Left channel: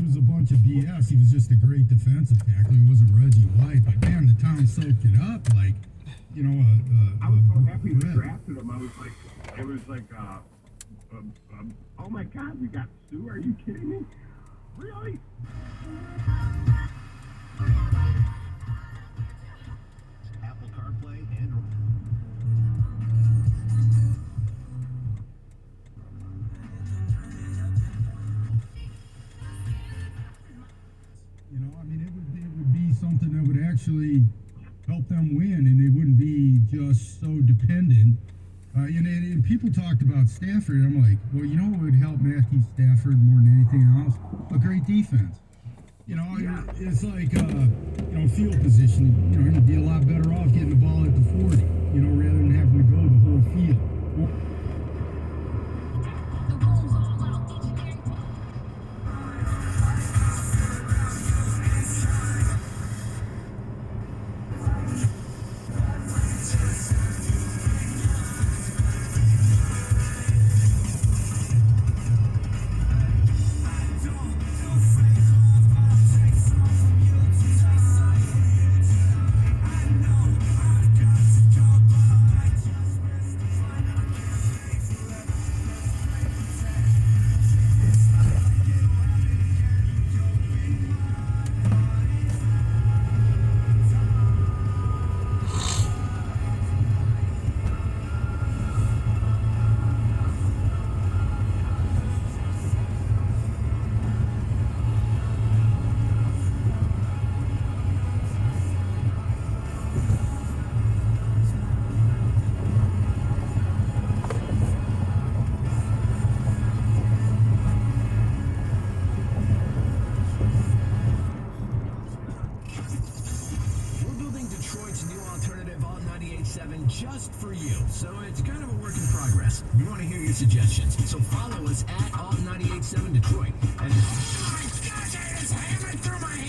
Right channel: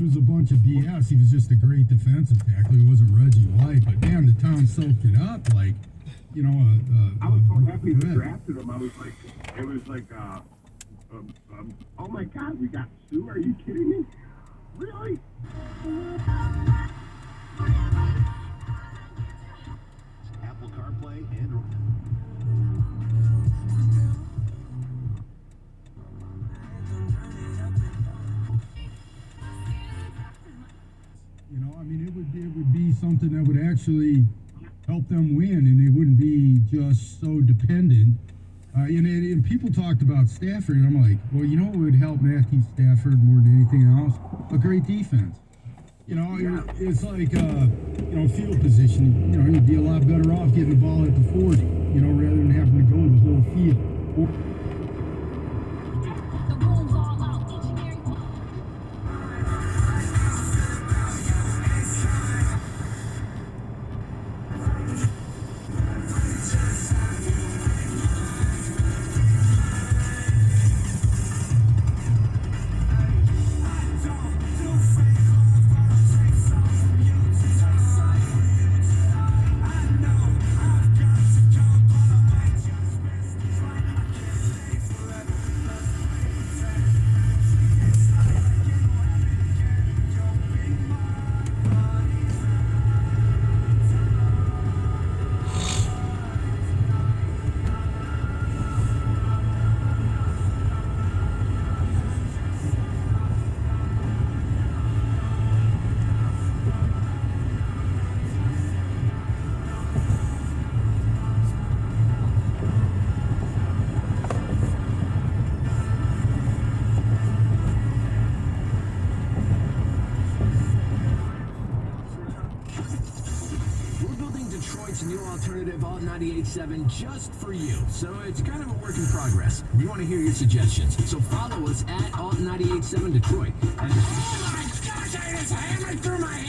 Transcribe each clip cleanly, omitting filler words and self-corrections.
which was a bunch of BS. He was just a great defensive tackle. He wasn't Reggie White, but damn, the town soaked it up. Like, you know, I was so happy they drafted him. I was like, it was like, oh my God, we got Sue. Are you kidding me? Really? Apple CarPlay and you know, I mean, it would be something that would actually help them win, and they wouldn't be just so dependent. And people talked about Stafford, and I'm like, well, you know what would help Matthew Stafford more than anything else? A great defense. You know, it's like, you know, field position. You know, he'd be a lot better off getting the ball at the 40, you know, rather than having to go the whole field. just for you. So it's kind of a work in progress. We want to hear your suggestions. So follow us at Alt987 Detroit. And gosh, I just hammered through my hand.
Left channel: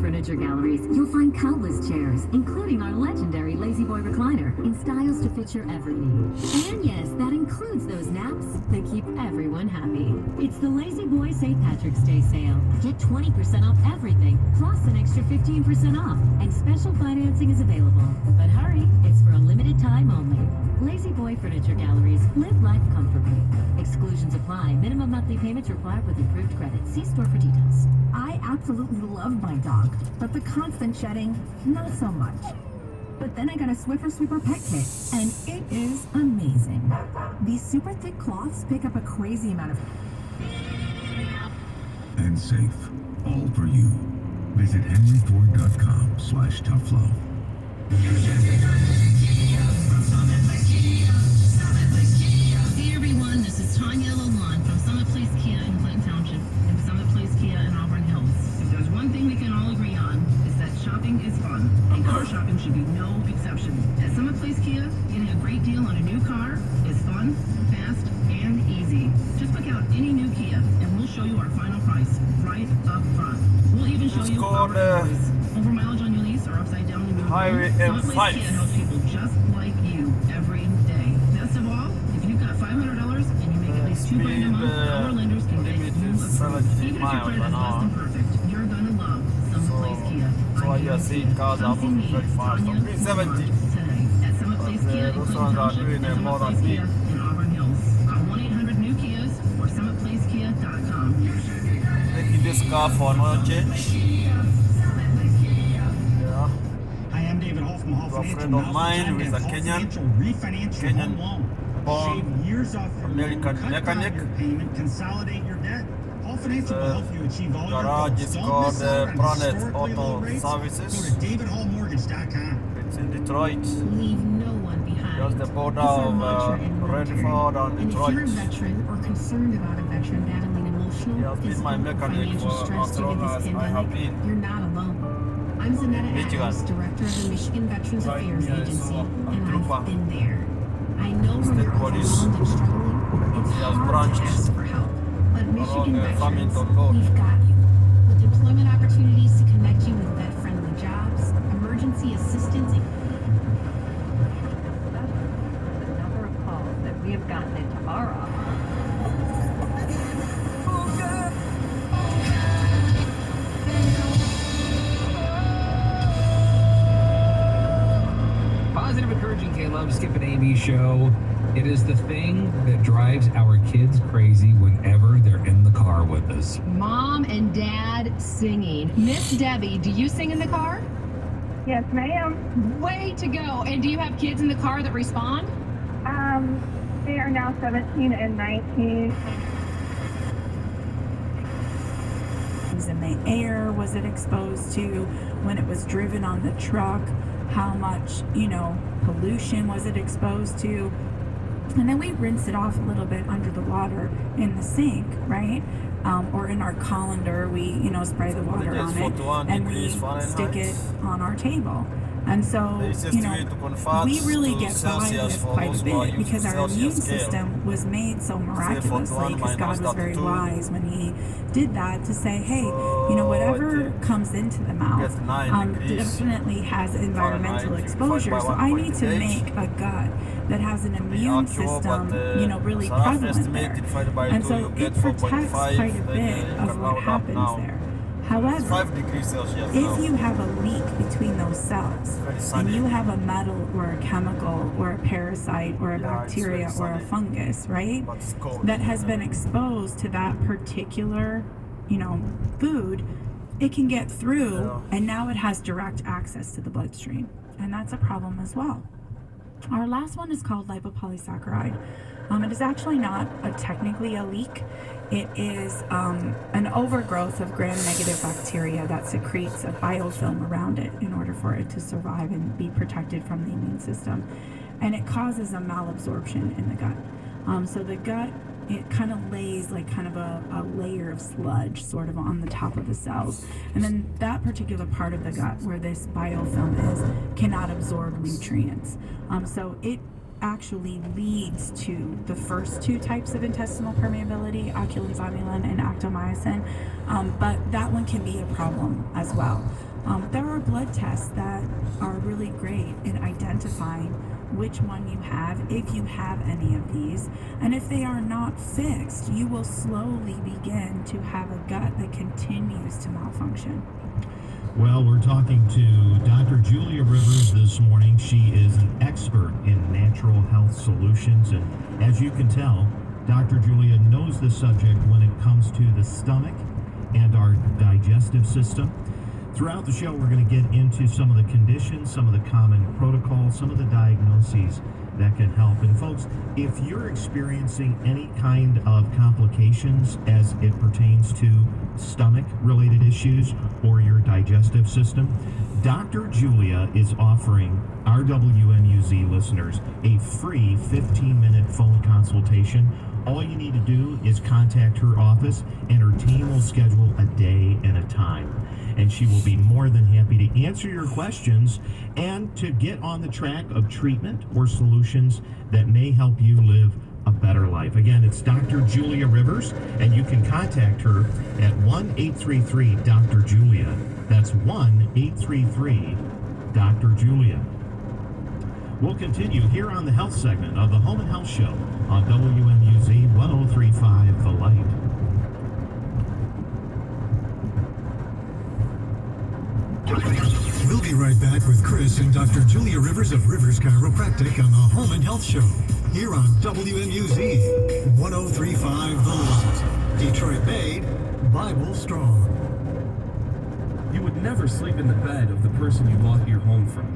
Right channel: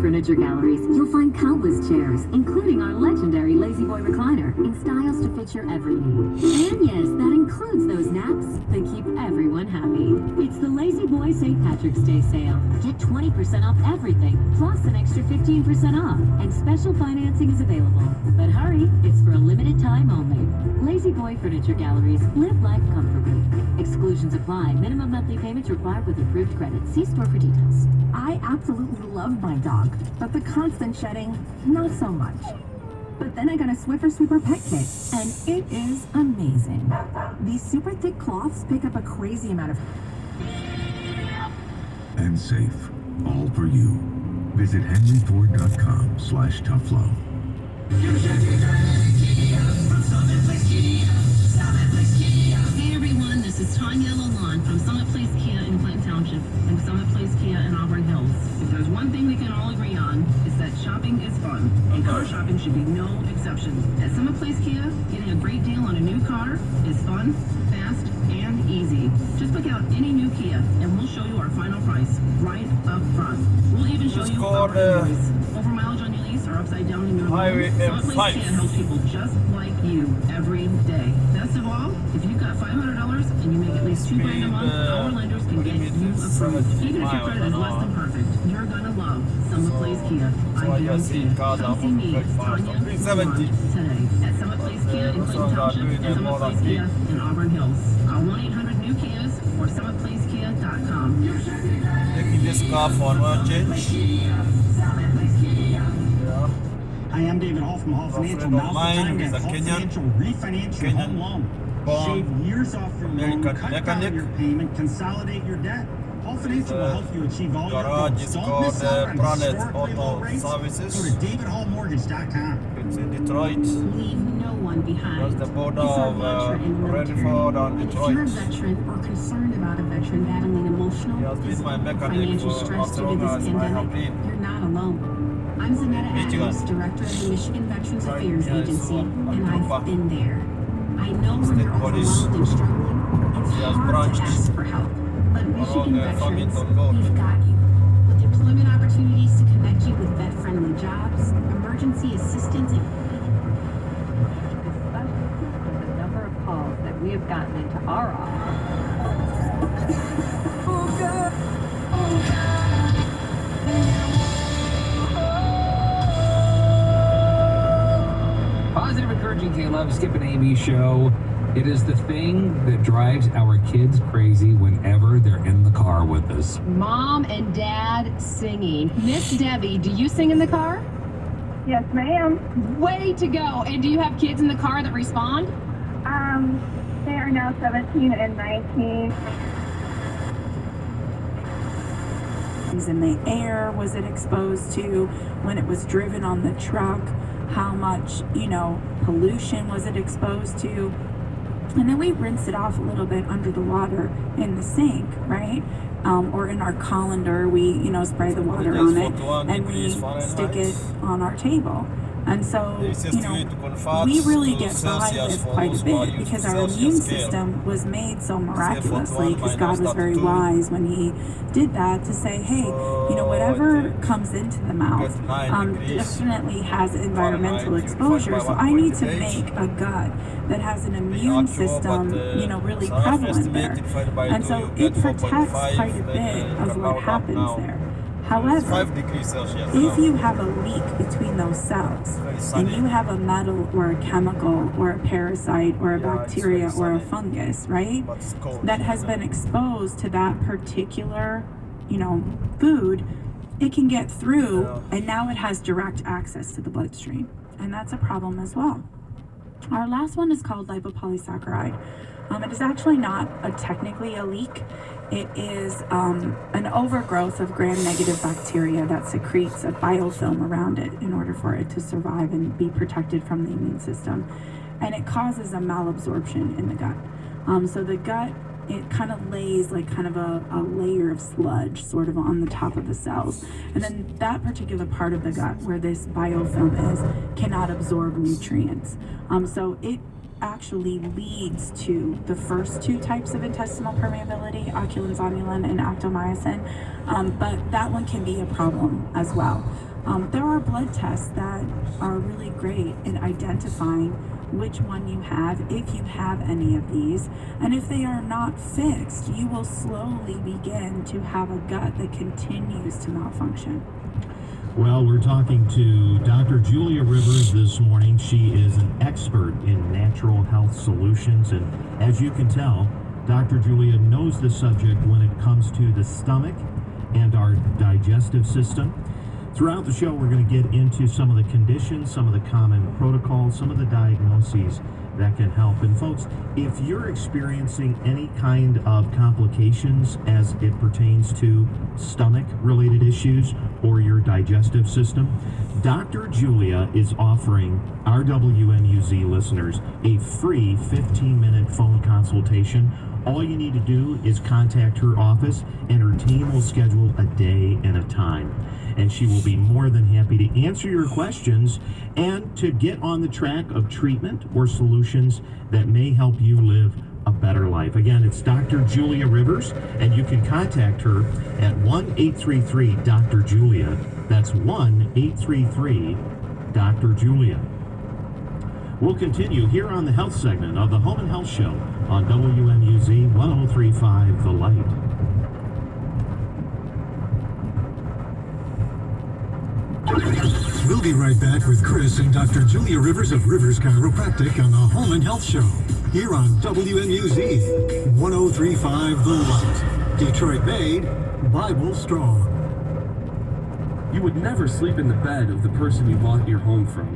Furniture Galleries, you'll find countless chairs, including our legendary Lazy Boy recliner, in styles to fit your every need. And yes, that includes those naps that keep everyone happy. It's the Lazy Boy St. Patrick's Day sale. Get 20% off everything, plus an extra 15% off, and special financing is available. But hurry, it's for a limited time only. Lazy Boy Furniture Galleries, live life comfortably. Exclusions apply. Minimum monthly payments required with approved credit. See store for details. I absolutely love my dog, but the constant shedding, not so much. But then I got a Swiffer Sweeper pet kit, and it is amazing. These super thick cloths pick up a crazy amount of... And safe, all for you. Visit henryford.com/toughlove. Hey everyone, this is Tanya Lalonde from Summit Place Kia in Clinton Township and Summit Place Kia in Auburn Hills. If there's one thing we can all agree on, it's that shopping is fun, and car shopping should be no exception. At Summit Place Kia, getting a great deal on a new car is fun, fast, and easy. Just pick out any new Kia, and we'll show you our final price right up front. We'll even show you our price. Over mileage on your lease or upside down in your Highway Summit Place Kia helps people just like you every day. Best of all, if you've got $500 and you make at least 2 buys a month, our lenders can get you approved. Even if your credit is less than perfect, you're gonna love Summit Place Kia. I'm Tanya today at Summit Place Kia in Clinton Township and Summit Place Kia in Auburn Hills. Call 1-800-NEW-KIAs or SummitPlaceKia.com. Taking this car for no change. I am David Hall from Hall Financial. friend of mine who is a Kenyan Shave years off your American loan, cut down mechanic. your payment, consolidate your debt. Hall Financial will help you achieve all your garage goals. is Don't called miss out on Planet historically low Auto rates. Go Services. to davidhallmortgage.com. It's in Detroit. Leave no one behind. That's the border It's our of mantra in the military. Redford and And if you're a Detroit. veteran or concerned about a veteran battling emotional, He has been physical, my mechanic financial for stress as due to long this as I have pandemic, been. you're not alone. I'm Savannah Michigan. Adams, Director of the Michigan Veterans Right, Affairs yes, Agency, and Trooper. I've been there. I know State we're police. overwhelmed and struggling. It's He has hard branched to ask for help, but Michigan along veterans, Farmington Road. we've got you. With employment opportunities to connect you with vet-friendly jobs, emergency assistance, and The number of calls that we have gotten into our office. Positive, encouraging K-Love, Skip and AB show. It is the thing that drives our kids crazy whenever they're in the car with us. Mom and Dad singing. Miss Debbie, do you sing in the car? Yes, ma'am. Way to go. And do you have kids in the car that respond? They are now 17 and 19. In the air was it exposed to when it was driven on the truck? How much, pollution was it exposed to? And then we rinse it off a little bit under the water in the sink, right? Or in our colander, we, spray the water on it and we stick it on our table. And so, we really get by with quite a bit because our immune system was made so miraculously because God was very wise when He did that to say, hey, whatever comes into the mouth definitely has environmental exposure. So I need to make a gut that has an immune system, really prevalent there. And so it protects quite a bit of what happens there. However, if you have a leak between those cells and you have a metal or a chemical or a parasite or a bacteria or a fungus, right, that has been exposed to that particular, food, it can get through and now it has direct access to the bloodstream. And that's a problem as well. Our last one is called lipopolysaccharide. It is actually not technically a leak. It is an overgrowth of gram-negative bacteria that secretes a biofilm around it in order for it to survive and be protected from the immune system. And it causes a malabsorption in the gut. So the gut, it kind of lays like kind of a layer of sludge sort of on the top of the cells. And then that particular part of the gut where this biofilm is cannot absorb nutrients. So it actually leads to the first two types of intestinal permeability, oculozonulan and actomyosin, but that one can be a problem as well. There are blood tests that are really great in identifying which one you have, if you have any of these, and if they are not fixed, you will slowly begin to have a gut that continues to malfunction. Well, we're talking to Dr. Julia Rivers this morning. She is an expert in natural health solutions, and as you can tell, Dr. Julia knows the subject when it comes to the stomach and our digestive system. Throughout the show, we're going to get into some of the conditions, some of the common protocols, some of the diagnoses that can help. And folks, if you're experiencing any kind of complications as it pertains to stomach-related issues or your digestive system, Dr. Julia is offering our WMUZ listeners a free 15-minute phone consultation. All you need to do is contact her office, and her team will schedule a day and a time. And she will be more than happy to answer your questions and to get on the track of treatment or solutions that may help you live a better life. Again, it's Dr. Julia Rivers, and you can contact her at 1-833-DR-JULIA. That's 1-833-DR Julia. We'll continue here on the health segment of the Home and Health Show on WMUZ 1035 The Light. We'll be right back with Chris and Dr. Julia Rivers of Rivers Chiropractic on the Home and Health Show here on WMUZ 1035 The Light. Detroit made, Bible strong. You would never sleep in the bed of the person you bought your home from.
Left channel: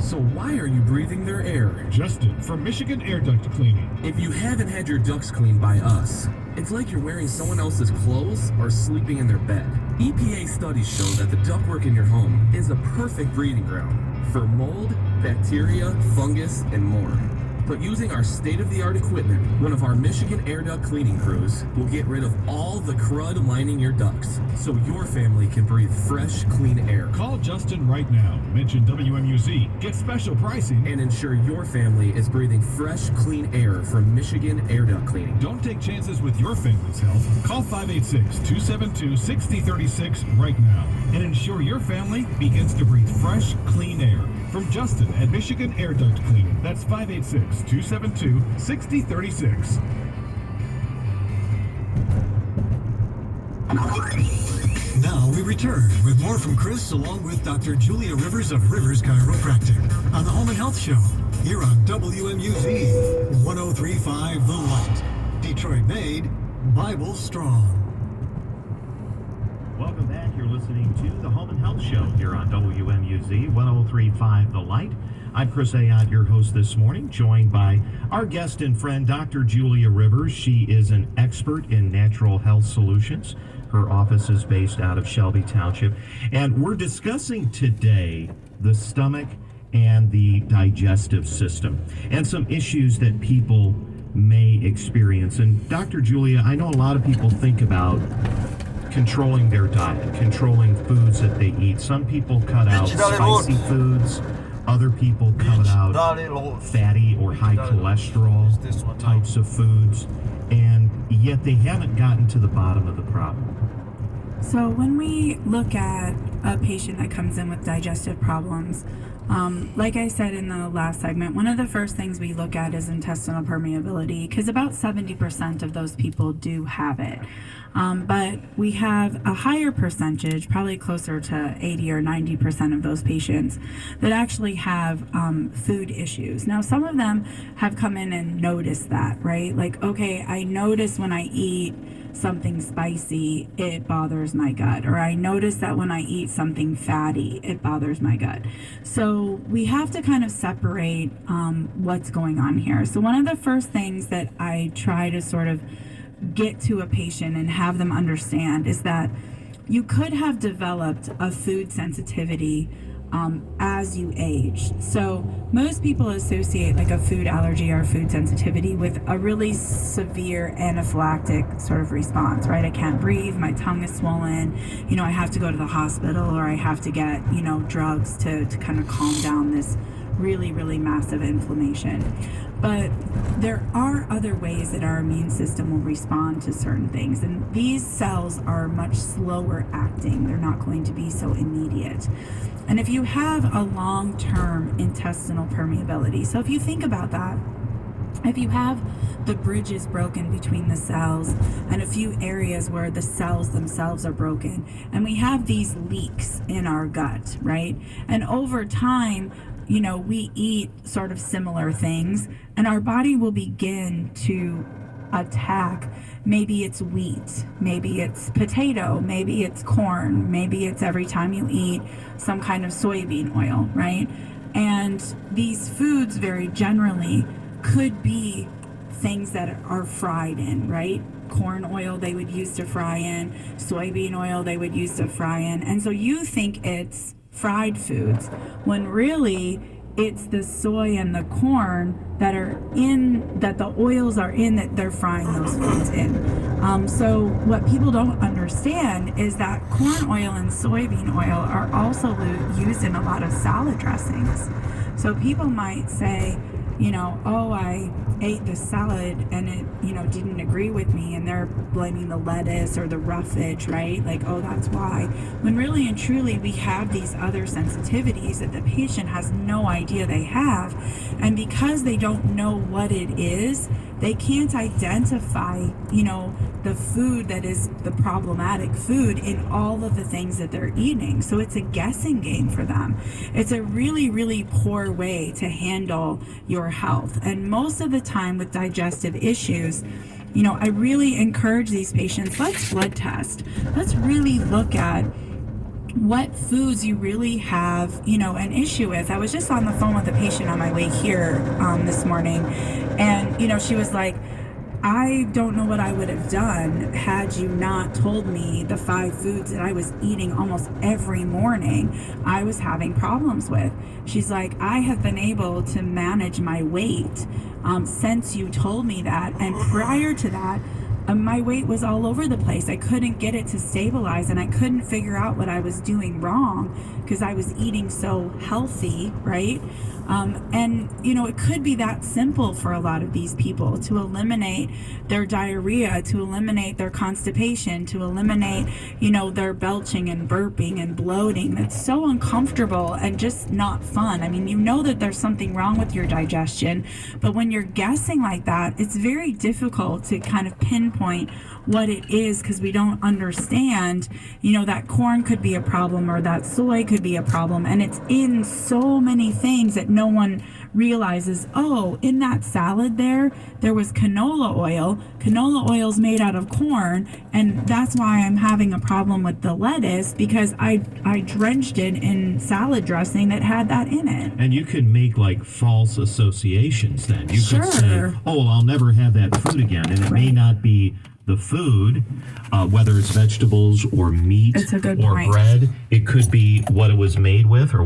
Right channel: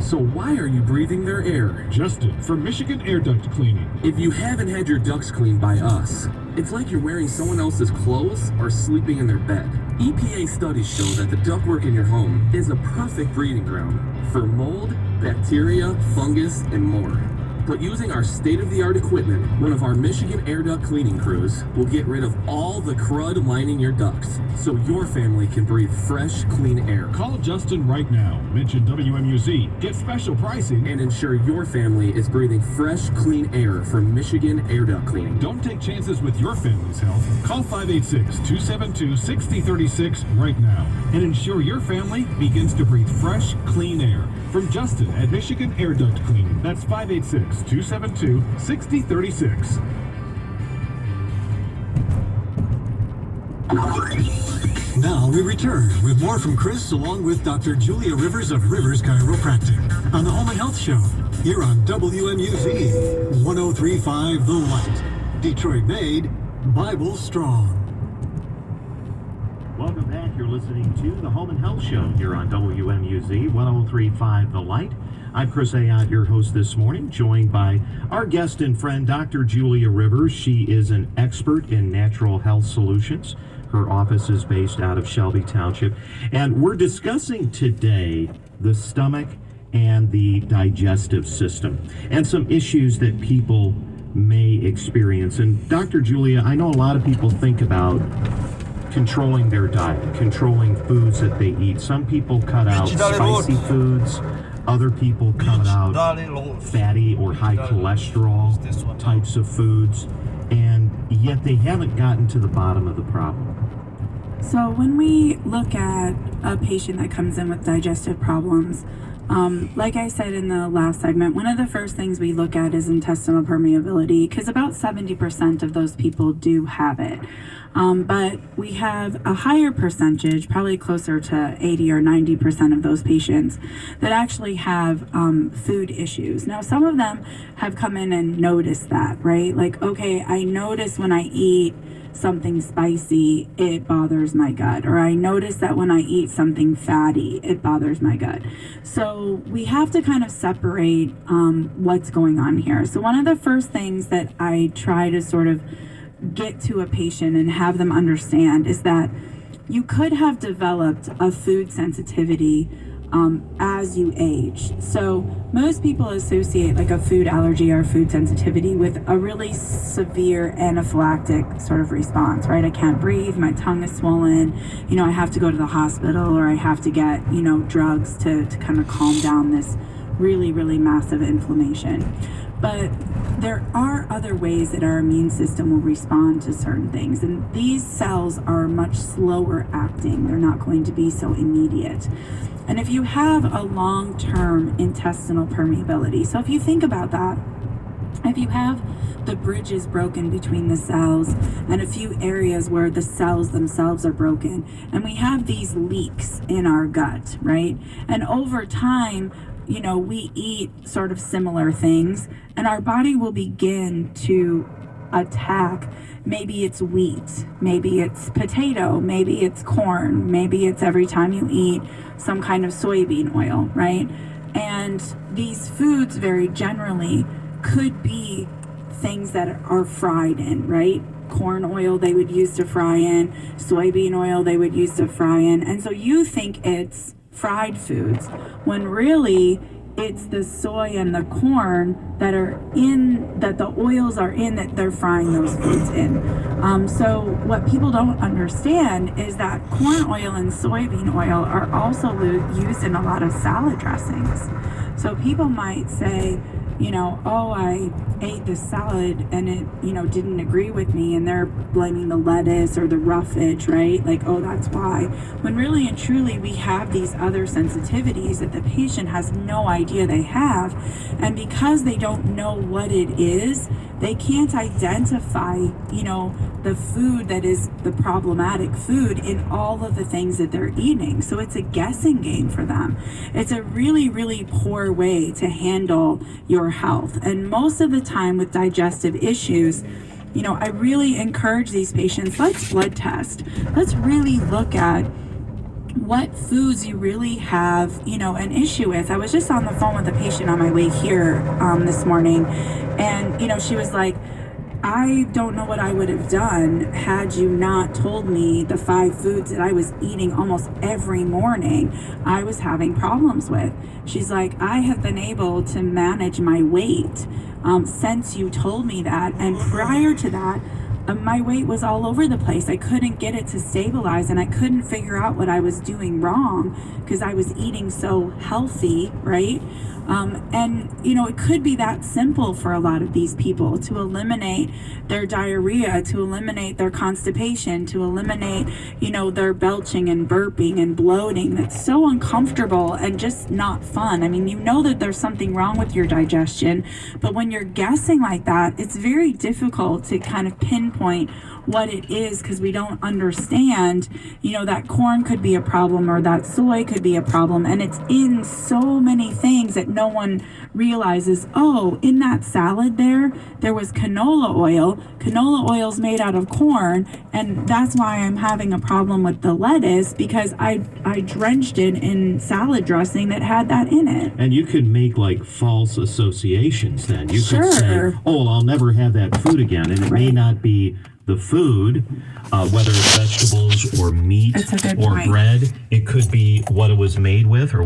So why are you breathing their air? Justin from Michigan Air Duct Cleaning. If you haven't had your ducts cleaned by us, it's like you're wearing someone else's clothes or sleeping in their bed. EPA studies show that the ductwork in your home is a perfect breeding ground for mold, bacteria, fungus, and more. But using our state-of-the-art equipment, one of our Michigan Air Duct cleaning crews will get rid of all the crud lining your ducts, so your family can breathe fresh, clean air. Call Justin right now. Mention WMUZ. Get special pricing. And ensure your family is breathing fresh, clean air from Michigan Air Duct Cleaning. Don't take chances with your family's health. Call 586-272-6036 right now and ensure your family begins to breathe fresh, clean air. From Justin at Michigan Air Duct Cleaning. That's 586-272-6036. Now we return with more from Chris along with Dr. Julia Rivers of Rivers Chiropractic on the Home and Health Show here on WMUZ 103.5 The Light. Detroit made, Bible strong. Welcome back. You're listening to the Home and Health Show here on WMUZ 103.5 The Light. I'm Chris Ayotte, your host this morning, joined by our guest and friend, Dr. Julia Rivers. She is an expert in natural health solutions. Her office is based out of Shelby Township. And we're discussing today the stomach and the digestive system and some issues that people may experience. And Dr. Julia, I know a lot of people think about controlling their diet, controlling foods that they eat. Some people cut out spicy foods. Other people cut out fatty or high cholesterol types of foods. And yet they haven't gotten to the bottom of the problem. So when we look at a patient that comes in with digestive problems, like I said in the last segment, one of the first things we look at is intestinal permeability, because about 70% of those people do have it. But we have a higher percentage, probably closer to 80 or 90% of those patients that actually have food issues. Now, some of them have come in and noticed that, right? Like, okay, I notice when I eat something spicy, it bothers my gut. Or I notice that when I eat something fatty, it bothers my gut. So we have to kind of separate what's going on here. So one of the first things that I try to sort of get to a patient and have them understand is that you could have developed a food sensitivity as you age. So most people associate like a food allergy or food sensitivity with a really severe anaphylactic sort of response, right? I can't breathe, my tongue is swollen, I have to go to the hospital, or I have to get, drugs to kind of calm down this really, really massive inflammation. But there are other ways that our immune system will respond to certain things, and these cells are much slower acting. They're not going to be so immediate. And if you have a long-term intestinal permeability, so if you think about that, if you have the bridges broken between the cells and a few areas where the cells themselves are broken, and we have these leaks in our gut, right? And over time, we eat sort of similar things, and our body will begin to attack. Maybe it's wheat, maybe it's potato, maybe it's corn, maybe it's every time you eat some kind of soybean oil, right? And these foods very generally could be things that are fried in, right? Corn oil they would use to fry in, soybean oil they would use to fry in. And so you think it's fried foods, when really it's the soy and the corn that the oils are in, that they're frying those foods in. So what people don't understand is that corn oil and soybean oil are also used in a lot of salad dressings. So people might say, I ate this salad and it, didn't agree with me, and they're blaming the lettuce or the roughage, right? Like, oh, that's why. When really and truly we have these other sensitivities that the patient has no idea they have, and because they don't know what it is, they can't identify, the food that is the problematic food in all of the things that they're eating. So it's a guessing game for them. It's a really, really poor way to handle your health. And most of the time with digestive issues, I really encourage these patients, let's blood test. Let's really look at what foods you really have, an issue with. I was just on the phone with a patient on my way here this morning, and, she was like, I don't know what I would have done had you not told me the 5 foods that I was eating almost every morning I was having problems with. She's like, I have been able to manage my weight since you told me that. And prior to that, my weight was all over the place. I couldn't get it to stabilize, and I couldn't figure out what I was doing wrong because I was eating so healthy, right? And, it could be that simple for a lot of these people to eliminate their diarrhea, to eliminate their constipation, to eliminate, their belching and burping and bloating. That's so uncomfortable and just not fun. I mean, that there's something wrong with your digestion, but when you're guessing like that, it's very difficult to kind of pinpoint what it is because we don't understand, that corn could be a problem or that soy could be a problem, and it's in so many things that no one realizes. Oh, in that salad there was canola oil. Canola oil's made out of corn, and that's why I'm having a problem with the lettuce because I drenched it in salad dressing that had that in it. And you could make like false associations then. You Sure. could say, oh, I'll never have that food again, and it may not be the food, whether it's vegetables or meat It's a good or point. bread. It could be what it was made with or